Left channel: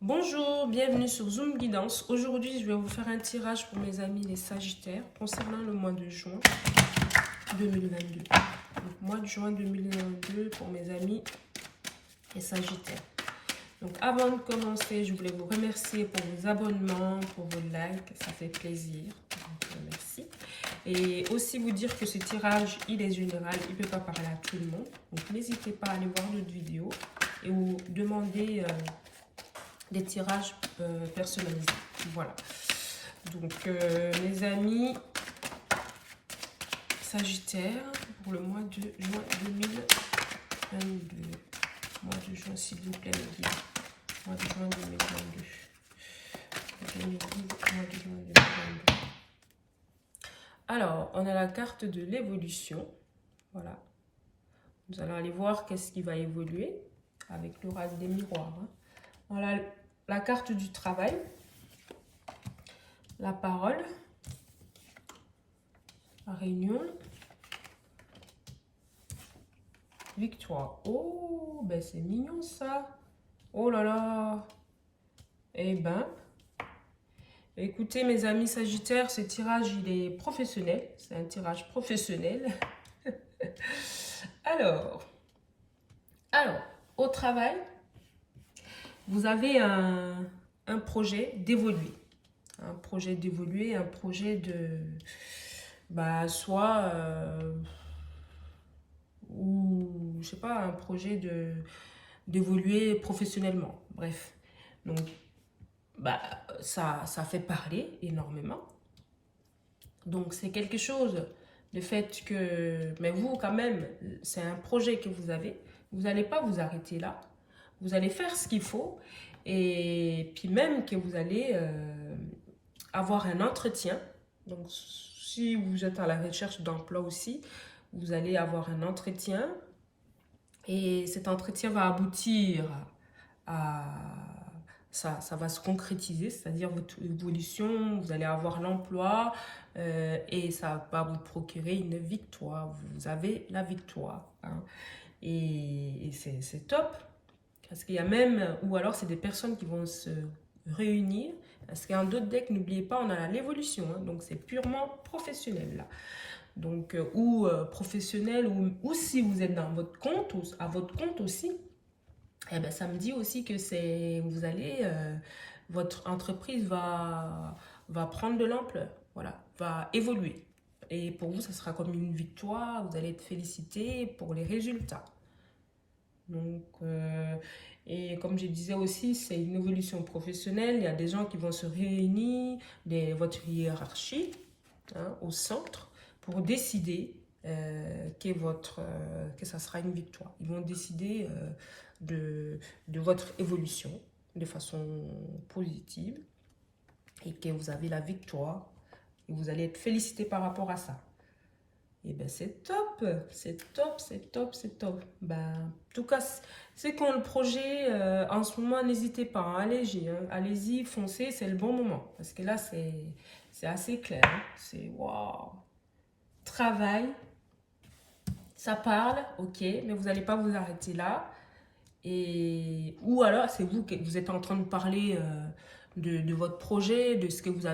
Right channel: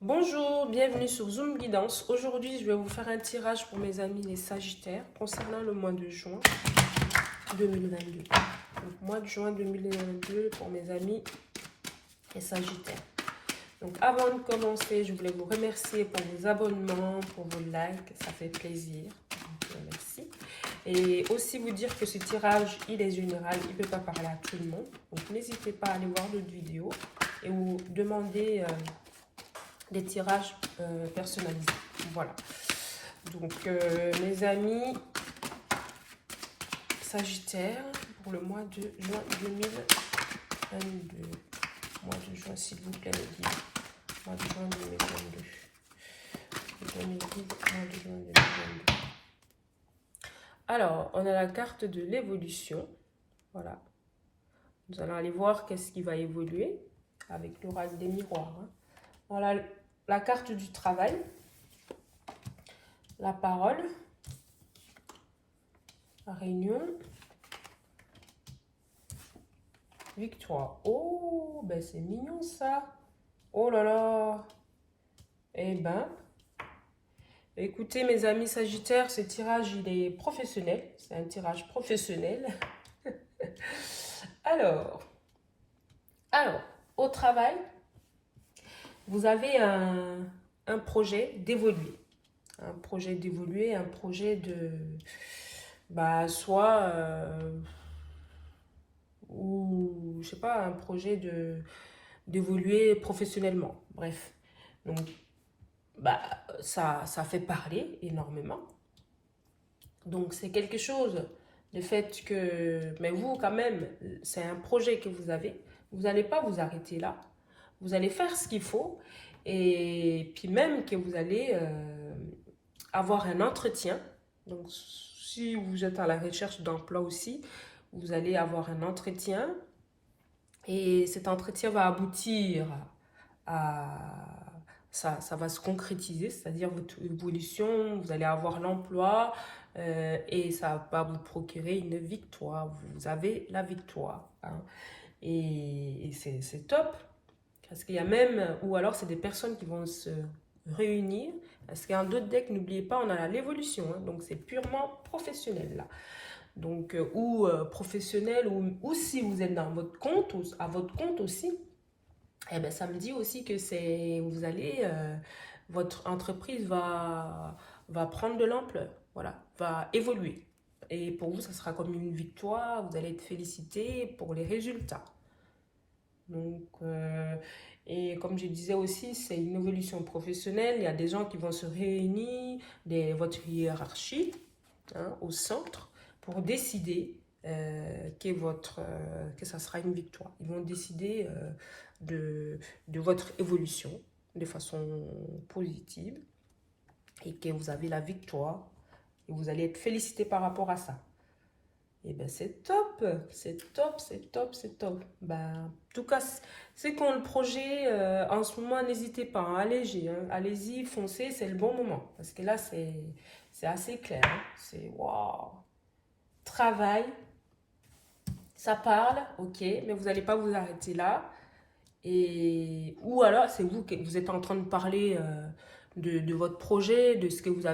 Bonjour, bienvenue sur Zoom Guidance. Aujourd'hui, je vais vous faire un tirage pour mes amis les Sagittaires concernant le mois de juin 2022. Donc, mois de juin 2022 pour mes amis les Sagittaires. Donc, avant de commencer, je voulais vous remercier pour vos abonnements, pour vos likes, ça fait plaisir. Donc, merci. Et aussi vous dire que ce tirage, il est général, il ne peut pas parler à tout le monde. Donc, n'hésitez pas à aller voir d'autres vidéos et vous demander des tirages personnalisés. Voilà. Donc, mes amis Sagittaire, pour le mois de juin 2022. Mois de juin, s'il vous plaît, les guides. Mois de juin 2022. Mois de juin 2022. Alors, on a la carte de l'évolution. Voilà. Nous allons aller voir qu'est-ce qui va évoluer avec l'oracle des miroirs. Hein. Voilà la carte du travail. La parole, la réunion, victoire. Oh, ben c'est mignon ça. Oh là là. Eh ben, écoutez mes amis Sagittaires, ce tirage il est professionnel. C'est un tirage professionnel. Alors, au travail, vous avez un projet d'évoluer. Un projet d'évoluer, un projet de... soit... ou je sais pas, un projet d'évoluer professionnellement. Bref, donc ça fait parler énormément. Donc c'est quelque chose, le fait que, mais vous quand même, c'est un projet que vous avez, vous n'allez pas vous arrêter là, vous allez faire ce qu'il faut, et puis même que vous allez avoir un entretien. Donc si vous êtes à la recherche d'emploi aussi, vous allez avoir un entretien et cet entretien va aboutir à... Ça va se concrétiser, c'est-à-dire votre évolution, vous allez avoir l'emploi et ça va vous procurer une victoire. Vous avez la victoire. Hein. Et c'est top. Parce qu'il y a même, ou alors c'est des personnes qui vont se réunir. Parce qu'en d'autres decks, n'oubliez pas, on a l'évolution. Hein, donc c'est purement professionnel là. Donc, professionnel, ou si vous êtes dans votre compte, à votre compte aussi, eh ben, ça me dit aussi que vous allez, votre entreprise va prendre de l'ampleur, voilà, va évoluer. Et pour vous, ça sera comme une victoire, vous allez être félicité pour les résultats. Donc, et comme je disais aussi, c'est une évolution professionnelle, il y a des gens qui vont se réunir, votre hiérarchie, hein, au centre, pour décider que ça sera une victoire. Ils vont décider de votre évolution de façon positive et que vous avez la victoire et vous allez être félicité par rapport à ça. Et ben c'est top, c'est top, c'est top, c'est top. Ben, en tout cas, c'est quand le projet, en ce moment, n'hésitez pas, hein, allégez, hein, allez-y, foncez, c'est le bon moment. Parce que là, c'est assez clair. Hein, c'est waouh. Travail, ça parle, ok, mais vous n'allez pas vous arrêter là. Ou alors, c'est vous qui vous êtes en train de parler de votre projet, de ce que vous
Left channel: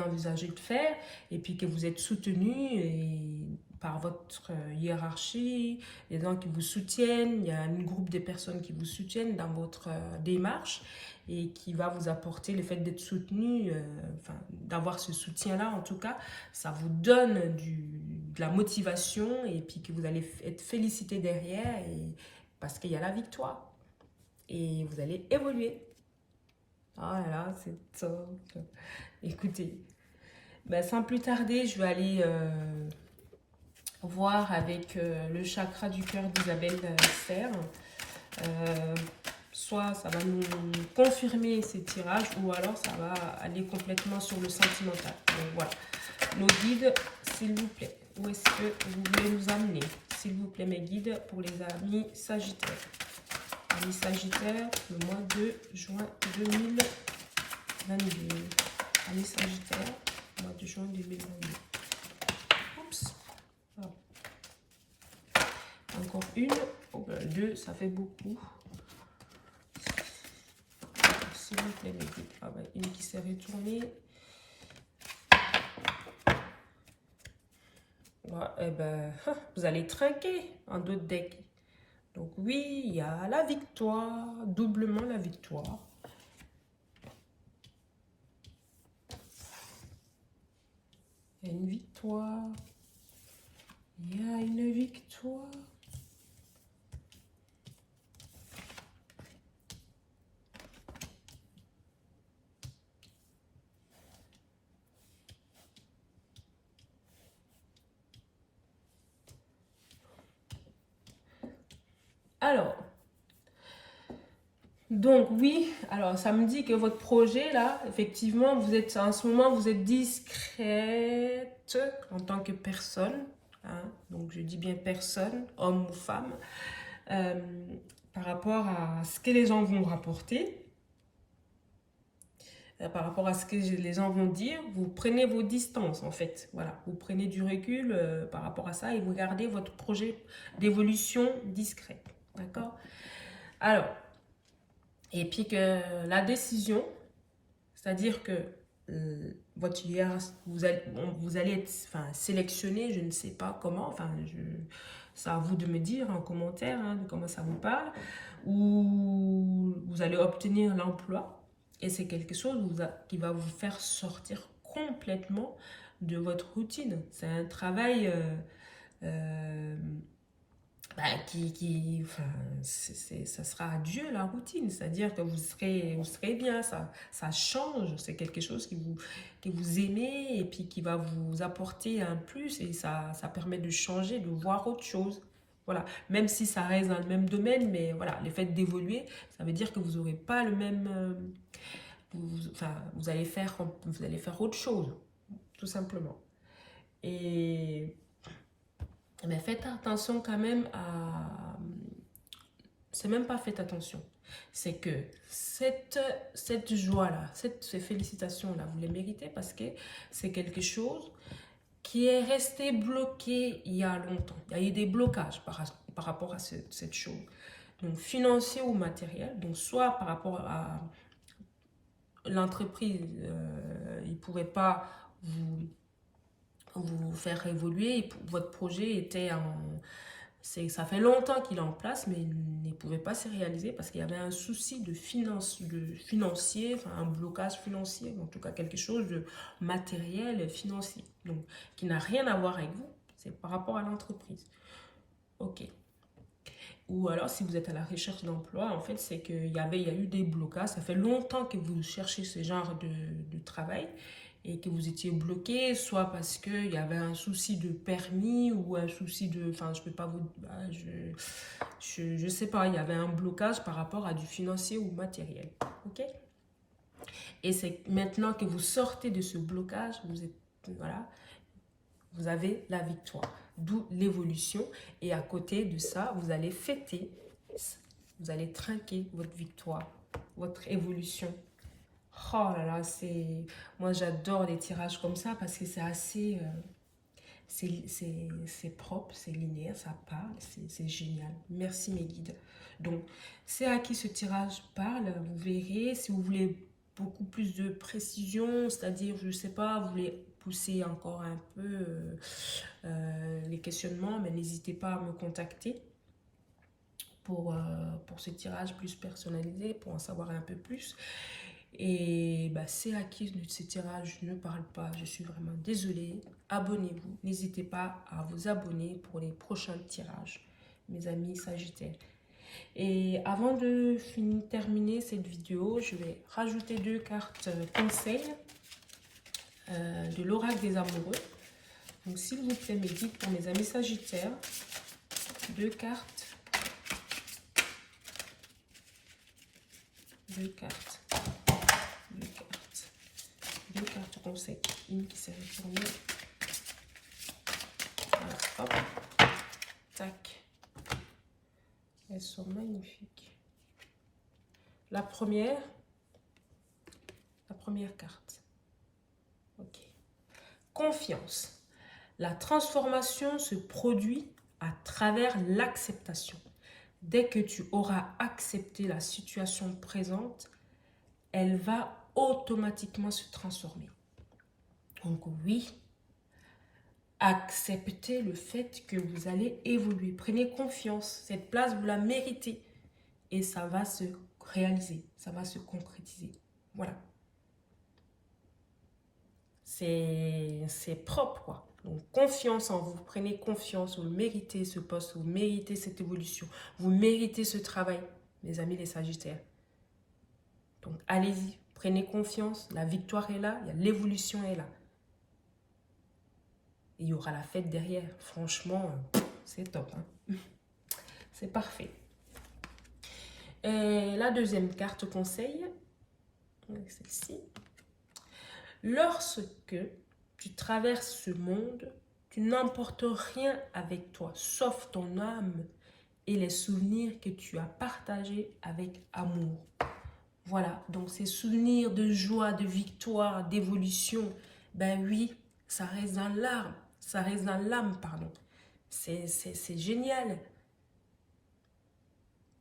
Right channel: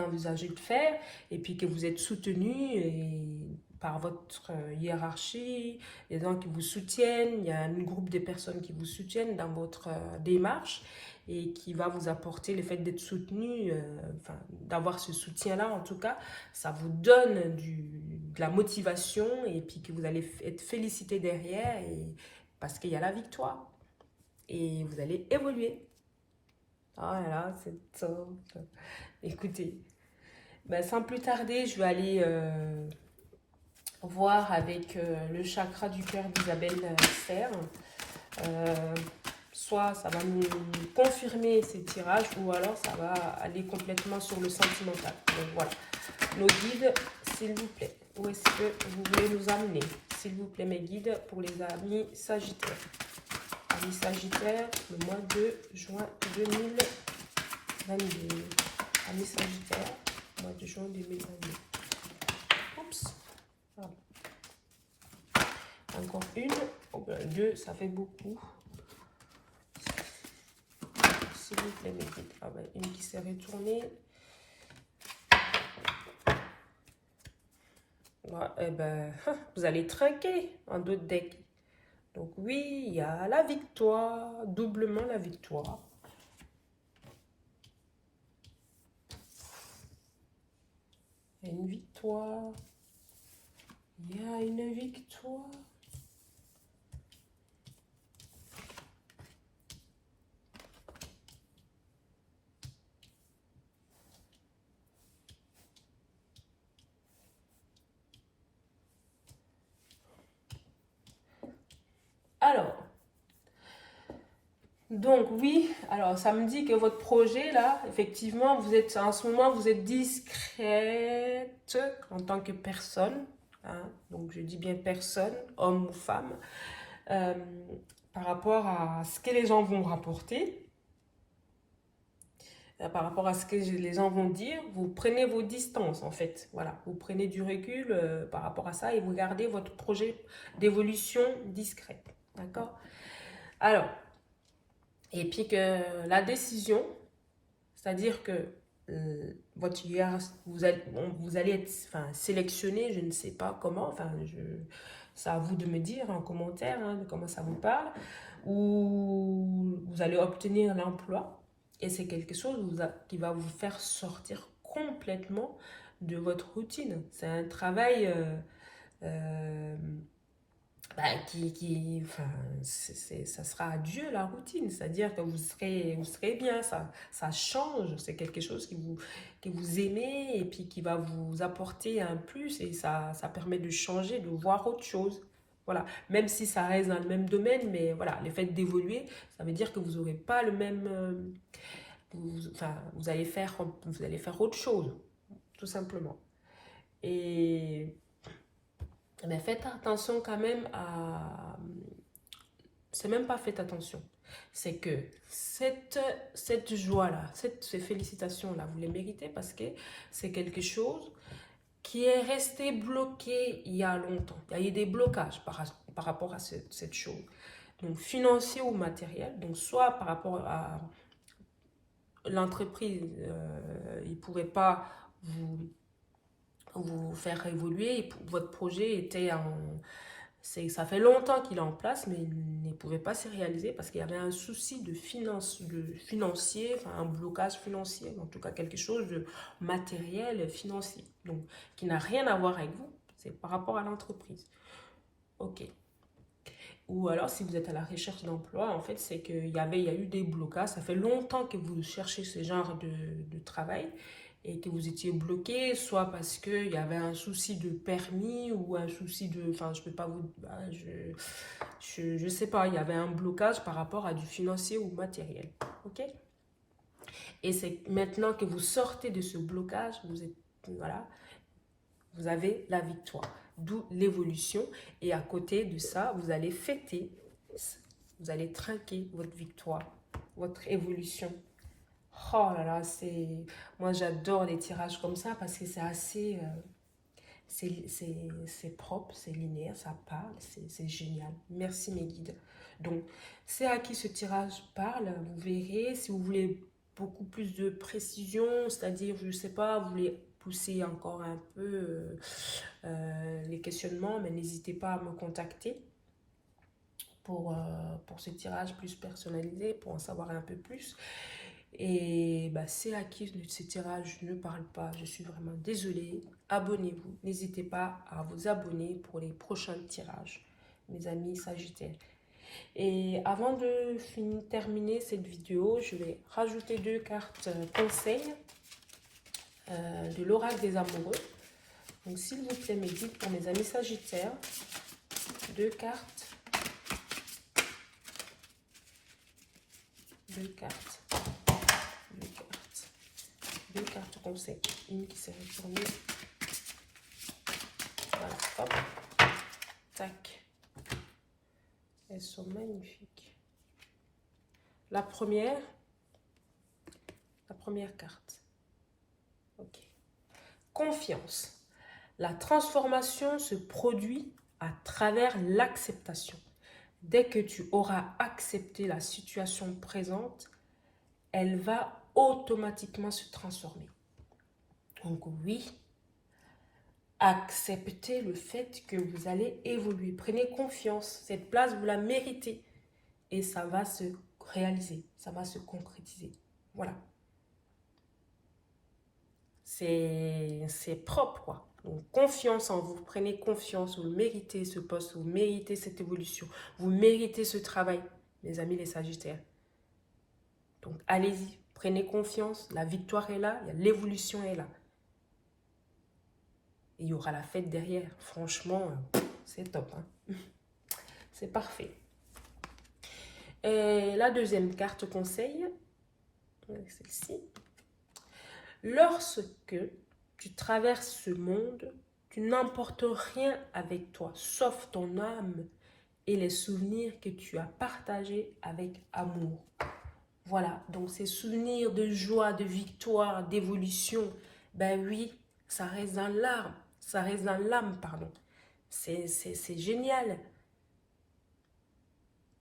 envisagez de faire, et puis que vous êtes soutenu par votre hiérarchie, les gens qui vous soutiennent, il y a un groupe de personnes qui vous soutiennent dans votre démarche et qui va vous apporter le fait d'être soutenu, d'avoir ce soutien-là en tout cas, ça vous donne de la motivation et puis que vous allez être félicité derrière parce qu'il y a la victoire et vous allez évoluer. Ah là là, c'est top. Écoutez, sans plus tarder, je vais aller voir avec le chakra du cœur d'Isabelle Serre. Soit ça va nous confirmer ces tirages ou alors ça va aller complètement sur le sentimental. Donc voilà, nos guides, s'il vous plaît, où est-ce que vous voulez nous amener? S'il vous plaît, mes guides, pour les amis Sagittaires. Amis Sagittaires, le mois de juin 2022. Amis Sagittaires, mois de juin 2022. Oups. Voilà. Encore une. Oh ben, deux, ça fait beaucoup. S'il vous plaît, les guides. Ah bah, une qui s'est retournée. Ouais, eh ben, vous allez trinquer en d'autres decks. Donc oui, il y a la victoire, doublement la victoire. Il y a une victoire. Il y a une victoire. Alors, donc oui, alors ça me dit que votre projet là, effectivement, vous êtes en ce moment, vous êtes discrète en tant que personne, hein, donc je dis bien personne, homme ou femme, euh, par rapport à ce que les gens vont rapporter, par rapport à ce que les gens vont dire, vous prenez vos distances en fait, voilà, vous prenez du recul par rapport à ça et vous gardez votre projet d'évolution discrète, d'accord? Alors, et puis que la décision, c'est-à-dire que votre vous allez être sélectionné, je ne sais pas comment, c'est à vous de me dire en commentaire hein, de comment ça vous parle, ou vous allez obtenir l'emploi et c'est quelque chose qui va vous faire sortir complètement de votre routine. C'est un travail ça sera adieu la routine, c'est-à-dire que vous serez bien, ça change, c'est quelque chose que vous aimez et puis qui va vous apporter un plus et ça permet de changer, de voir autre chose. Voilà, même si ça reste dans le même domaine, mais voilà, le fait d'évoluer, ça veut dire que vous n'aurez pas le même, vous allez faire autre chose, tout simplement. Et mais faites attention quand même à... C'est même pas faites attention. C'est que cette joie-là, ces félicitations-là, vous les méritez parce que c'est quelque chose qui est resté bloqué il y a longtemps. Il y a eu des blocages par rapport à cette chose. Donc financier ou matériel. Donc soit par rapport à l'entreprise, il ne pourrait pas vous faire évoluer. Et votre projet était ça fait longtemps qu'il est en place, mais il ne pouvait pas se réaliser parce qu'il y avait un souci de financier, enfin un blocage financier, en tout cas quelque chose de matériel financier, donc qui n'a rien à voir avec vous, c'est par rapport à l'entreprise. Ok. Ou alors, si vous êtes à la recherche d'emploi, en fait, c'est qu'il y a eu des blocages. Ça fait longtemps que vous cherchez ce genre de travail et que vous étiez bloqué, soit parce qu'il y avait un souci de permis ou un souci de... Enfin, je peux pas vous... je sais pas, il y avait un blocage par rapport à du financier ou matériel. Ok? Et c'est maintenant que vous sortez de ce blocage, voilà, vous avez la victoire. D'où l'évolution. Et à côté de ça, vous allez fêter, vous allez trinquer votre victoire, votre évolution. Oh là là, moi j'adore les tirages comme ça parce que c'est assez... c'est propre, c'est linéaire, ça parle, c'est génial. Merci mes guides. Donc, c'est à qui ce tirage parle, vous verrez. Si vous voulez beaucoup plus de précision, c'est-à-dire, je ne sais pas, vous voulez pousser encore un peu les questionnements, mais n'hésitez pas à me contacter pour ce tirage plus personnalisé, pour en savoir un peu plus. Et c'est à qui ce tirage ne parle pas, je suis vraiment désolée. Abonnez-vous, n'hésitez pas à vous abonner pour les prochains tirages, mes amis Sagittaires. Et avant de terminer cette vidéo, je vais rajouter 2 cartes conseils de l'oracle des amoureux. Donc s'il vous plaît, mes guides pour mes amis Sagittaires, 2 cartes. 2 cartes. 2 cartes conseils. Une qui s'est retournée. Voilà, hop. Tac. Elles sont magnifiques. La première carte. Ok. Confiance. La transformation se produit à travers l'acceptation. Dès que tu auras accepté la situation présente, elle va automatiquement se transformer. Donc oui, acceptez le fait que vous allez évoluer. Prenez confiance. Cette place, vous la méritez. Et ça va se réaliser. Ça va se concrétiser. Voilà. C'est propre, quoi. Donc, confiance en vous. Prenez confiance. Vous méritez ce poste. Vous méritez cette évolution. Vous méritez ce travail, mes amis les Sagittaires. Donc, allez-y. Prenez confiance. La victoire est là. L'évolution est là. Et il y aura la fête derrière. Franchement, c'est top. Hein. C'est parfait. Et la deuxième carte conseil, celle-ci. Lorsque tu traverses ce monde, tu n'emportes rien avec toi, sauf ton âme et les souvenirs que tu as partagés avec amour. Voilà, donc ces souvenirs de joie, de victoire, d'évolution, ben oui, ça reste dans l'âme, ça reste dans l'âme, pardon. C'est génial.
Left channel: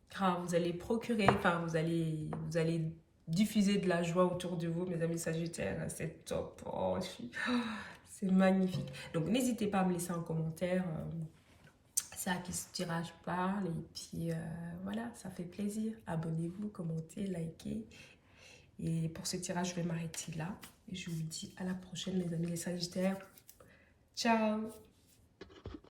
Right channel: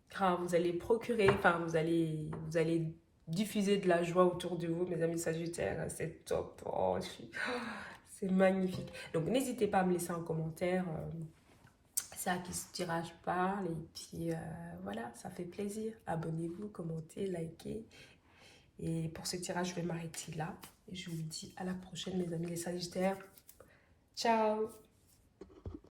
Car vous allez procurer, enfin vous allez diffuser de la joie autour de vous, mes amis Sagittaires, c'est top. Oh, c'est magnifique. Donc n'hésitez pas à me laisser en commentaire. C'est à qui ce tirage parle. Et puis voilà, ça fait plaisir. Abonnez-vous, commentez, likez. Et pour ce tirage, je vais m'arrêter là. Et je vous dis à la prochaine, mes amis les Sagittaires. Ciao!